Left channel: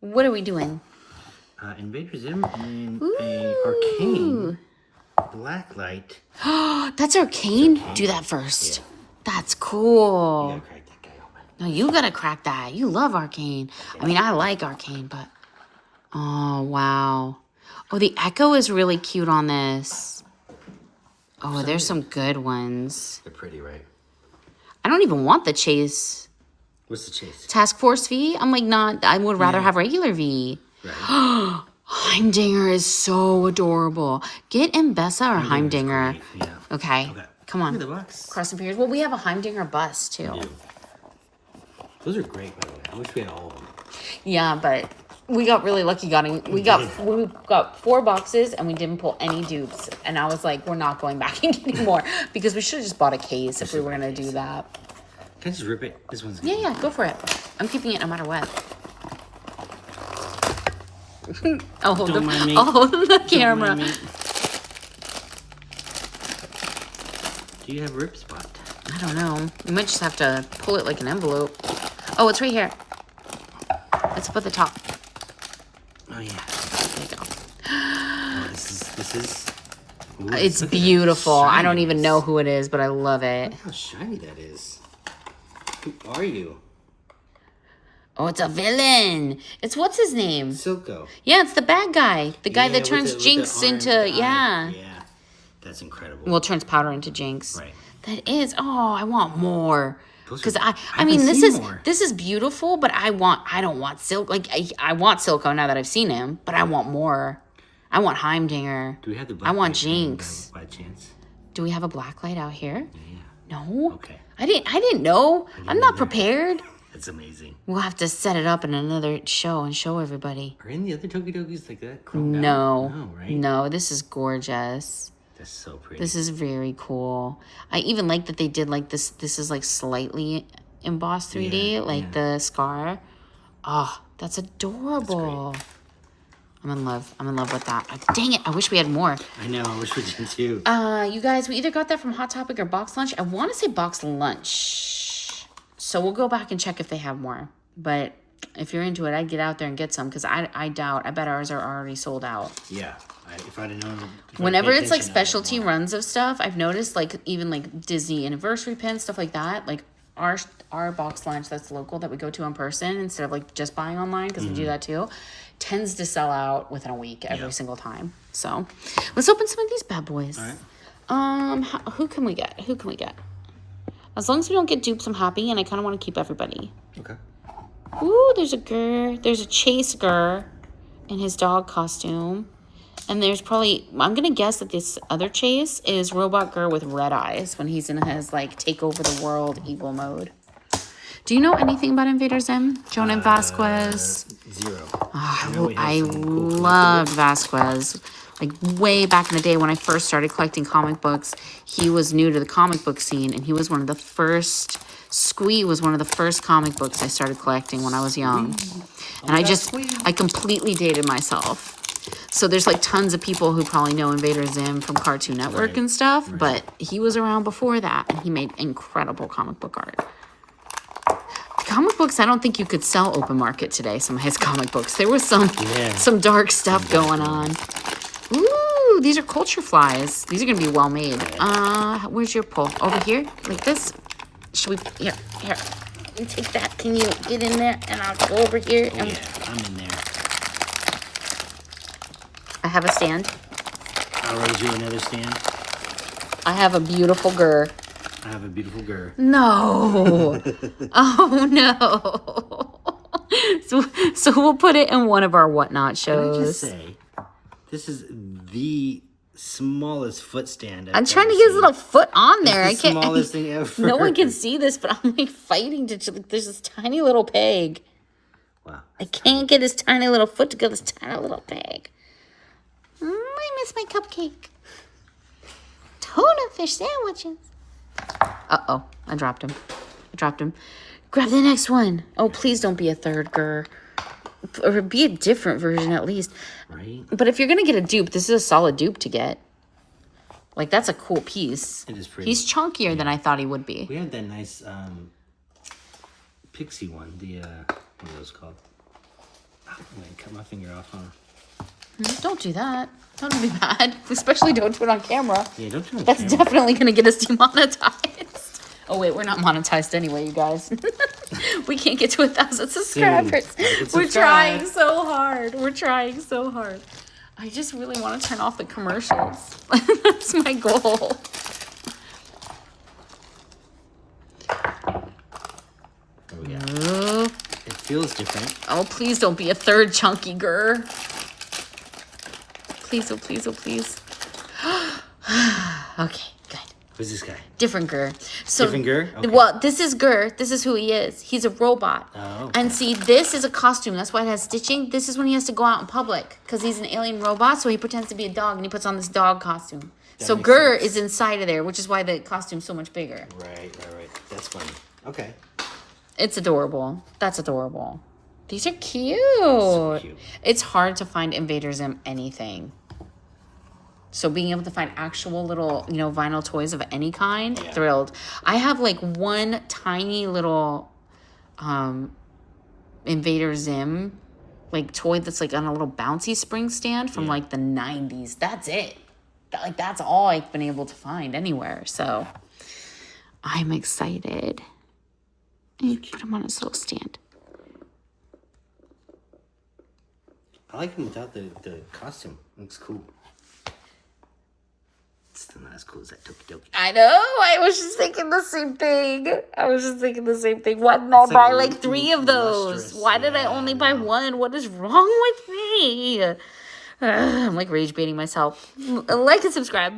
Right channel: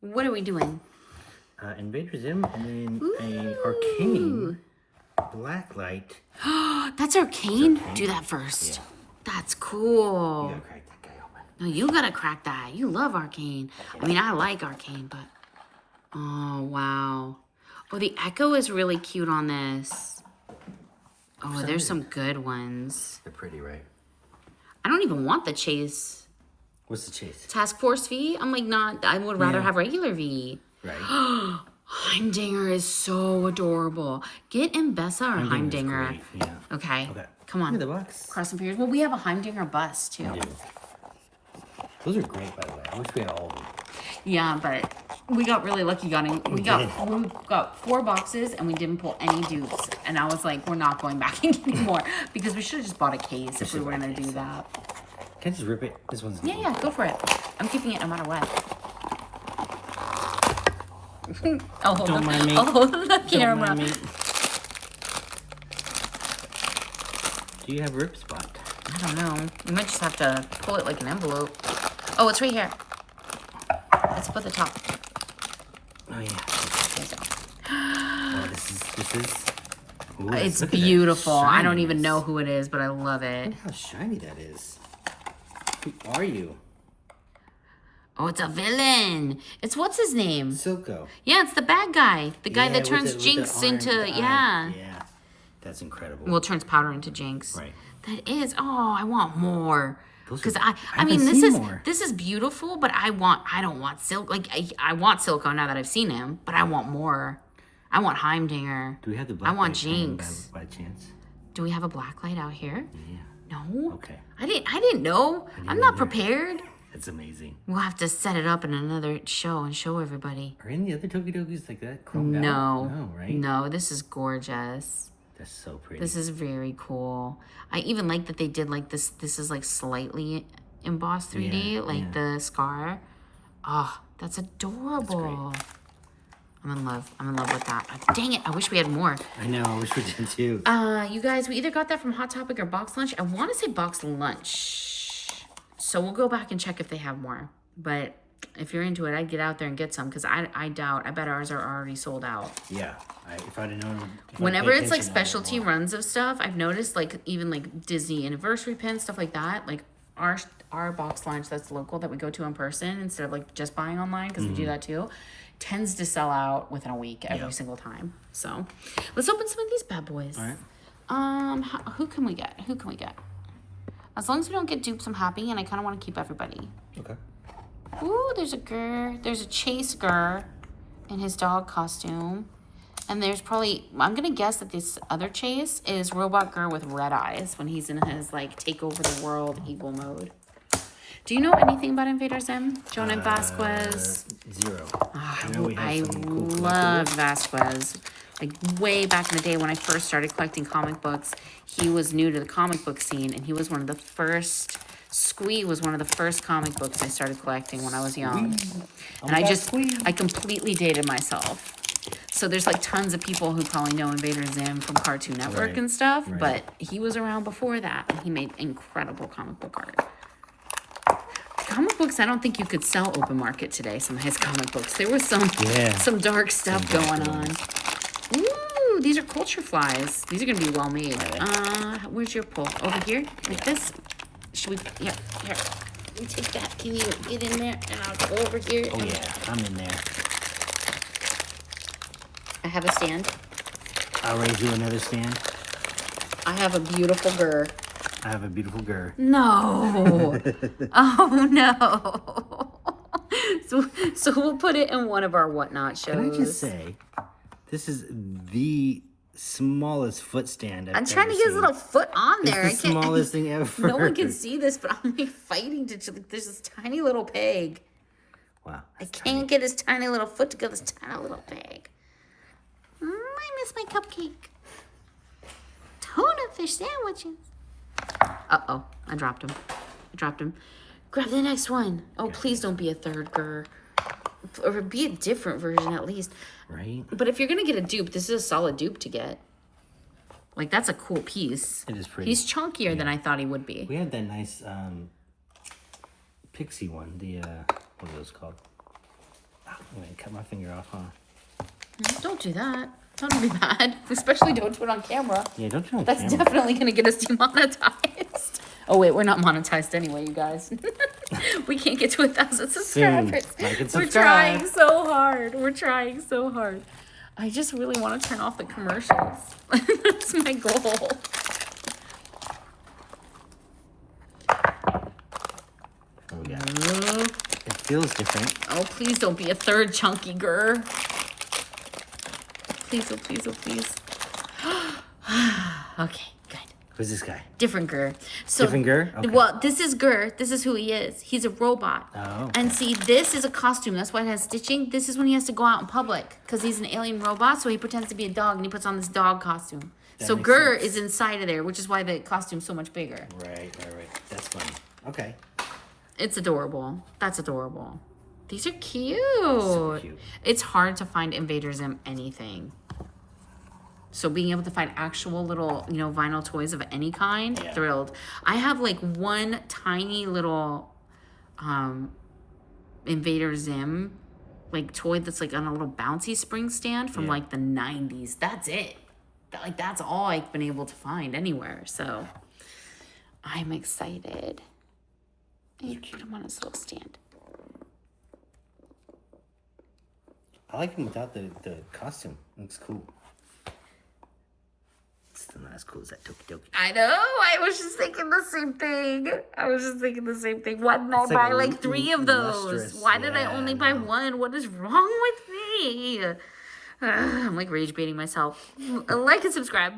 What are we doing? Invader Zim and then a arcane blacklight. That's arcane? Do that first. Yeah. That's cool. You gotta crack that guy open. No, you gotta crack that. You love arcane. I mean, I like arcane, but... Oh, wow. Oh, the echo is really cute on this. Oh, there's some good ones. They're pretty, right? I don't even want the chase. What's the chase? Task Force V? I'm like, not... I would rather have regular V. Right. Heimdinger is so adorable. Get Mbessa or Heimdinger. Yeah. Okay. Come on. Look at the box. Cross some fingers. Well, we have a Heimdinger bust, too. Those are great, by the way. I wish we had all of them. Yeah, but we got really lucky we got 4 boxes and we didn't pull any dupes. And I was like, we're not going back and getting more because we should have just bought a case if we were going to do that. Can I just rip it? This one's Yeah, go for it. I'm keeping it no matter what. I'll hold the camera. Do you have rip spot? I don't know. We might just have to pull it like an envelope. Oh, it's right here. It's up at the top. Oh yeah. There you go. Oh, this is. Ooh, It's beautiful. I don't even know who it is, but I love it. Look how shiny that is. Who are you? Oh, it's a villain. It's what's his name? Silco. Yeah, it's the bad guy. The guy that turns Jinx into Yeah. That's incredible. Well, turns Powder into Jinx. Right. That is. Oh, I want more. Because I haven't mean, seen this is beautiful, but I don't want Silk. Like I want Silco now that I've seen him, but I want more. I want Heimdinger. Do we have the black I want light Jinx. by chance? Do we have a black light out here? Yeah. No. Okay. I didn't know. I'm not prepared. It's amazing. We'll have to set it up in another show and show everybody. Are any other Tokidokis like that? No. Right? No, this is gorgeous. That's so pretty. This is very cool. I even like that they did like this. This is like slightly embossed 3D, like the scar. Oh, that's adorable. I'm in love. I'm in love with that. Dang it. I wish we had more. I know. I wish we did too. You guys, we either got that from Hot Topic or Box Lunch. I want to say Box Lunch. So we'll go back and check if they have more. But if you're into it, I'd get out there and get some because I doubt. I bet ours are already sold out. Yeah. If I'd have known. Whenever it's like specialty runs of stuff, I've noticed like even like Disney anniversary pins, stuff like that. Like our Box Lunch that's local that we go to in person instead of like just buying online because we do that too, tends to sell out within a week every single time. So let's open some of these bad boys. All right. Who can we get? Who can we get? As long as we don't get dupes, I'm happy, and I kind of want to keep everybody. Okay. Ooh, there's a Gur. There's a Chase Gur in his dog costume. And there's probably, I'm going to guess that this other Chase is Robot Gur with red eyes when he's in his, like, take over the world evil mode. Do you know anything about Invader Zim? Jonan Vasquez? Zero. I loved Vasquez. Like, way back in the day when I first started collecting comic books, he was new to the comic book scene, and he was one of the first... Squee was one of the first comic books I started collecting when I was young. And I completely dated myself. So there's like tons of people who probably know Invader Zim from Cartoon Network and stuff, but he was around before that, and he made incredible comic book art. Comic books, I don't think you could sell open market today, some of his comic books. There was some dark stuff going on. Ooh, these are culture flies. These are going to be well made. Where's your pull? Over here? Like this? Should we... Here. You take that. Can you get in there? And I'll go over here. Oh, yeah. I'm in there. I have a stand. I'll raise you another stand. I have a beautiful Gur. I have a beautiful Gur. No. Oh, no. So we'll put it in one of our Whatnot shows. Can I just say, this is the smallest foot stand I'm trying to get his little foot on there. It's the smallest thing ever. No one can see this, but I'm like fighting to. Like, there's this tiny little peg. Wow. I can't get his tiny little foot to go this tiny little peg. I miss my cupcake. Tuna fish sandwiches. Uh-oh. I dropped him. Grab the next one. Oh, please don't be a third Gur. Or be a different version at least. Right. But if you're going to get a dupe, this is a solid dupe to get. Like, that's a cool piece. It is pretty. He's chunkier than I thought he would be. We have that nice pixie one. The, what are those called? Wait, cut my finger off, huh? Don't do that. That'll be bad. Especially don't do it on camera. Yeah, don't do it on That's camera. definitely going to get us demonetized. Oh, wait, we're not monetized anyway, you guys. We can't get to 1,000 subscribers. We're trying so hard. We're trying so hard. I just really want to turn off the commercials. That's my goal. What we got? Ooh. It feels different. Oh, please don't be a third chunky gur. Please, oh, please, oh, please. Okay, good. Who's this guy? Different Gur. So, Different Gur? Okay. Well, this is Gur. This is who he is. He's a robot. Oh, okay. And see, this is a costume. That's why it has stitching. This is when he has to go out in public because he's an alien robot. So he pretends to be a dog and he puts on this dog costume. So makes Gur sense. is inside of there, which is why the costume's so much bigger. Right. That's funny. Okay. It's adorable. That's adorable. These are cute. So cute. It's hard to find Invader Zim anything. So being able to find actual little, vinyl toys of any kind, thrilled. I have like one tiny little Invader Zim like toy that's like on a little bouncy spring stand from like the 90s. That's it. That's all I've been able to find anywhere. So I'm excited. I need to put him on his little stand. I like him without the costume. Looks cool. It's still not as cool as that Tokidoki. I know. I was just thinking the same thing. Why did I buy like 3 of those? Why did I only buy 1? What is wrong with me? I'm like rage baiting myself. Like and subscribe.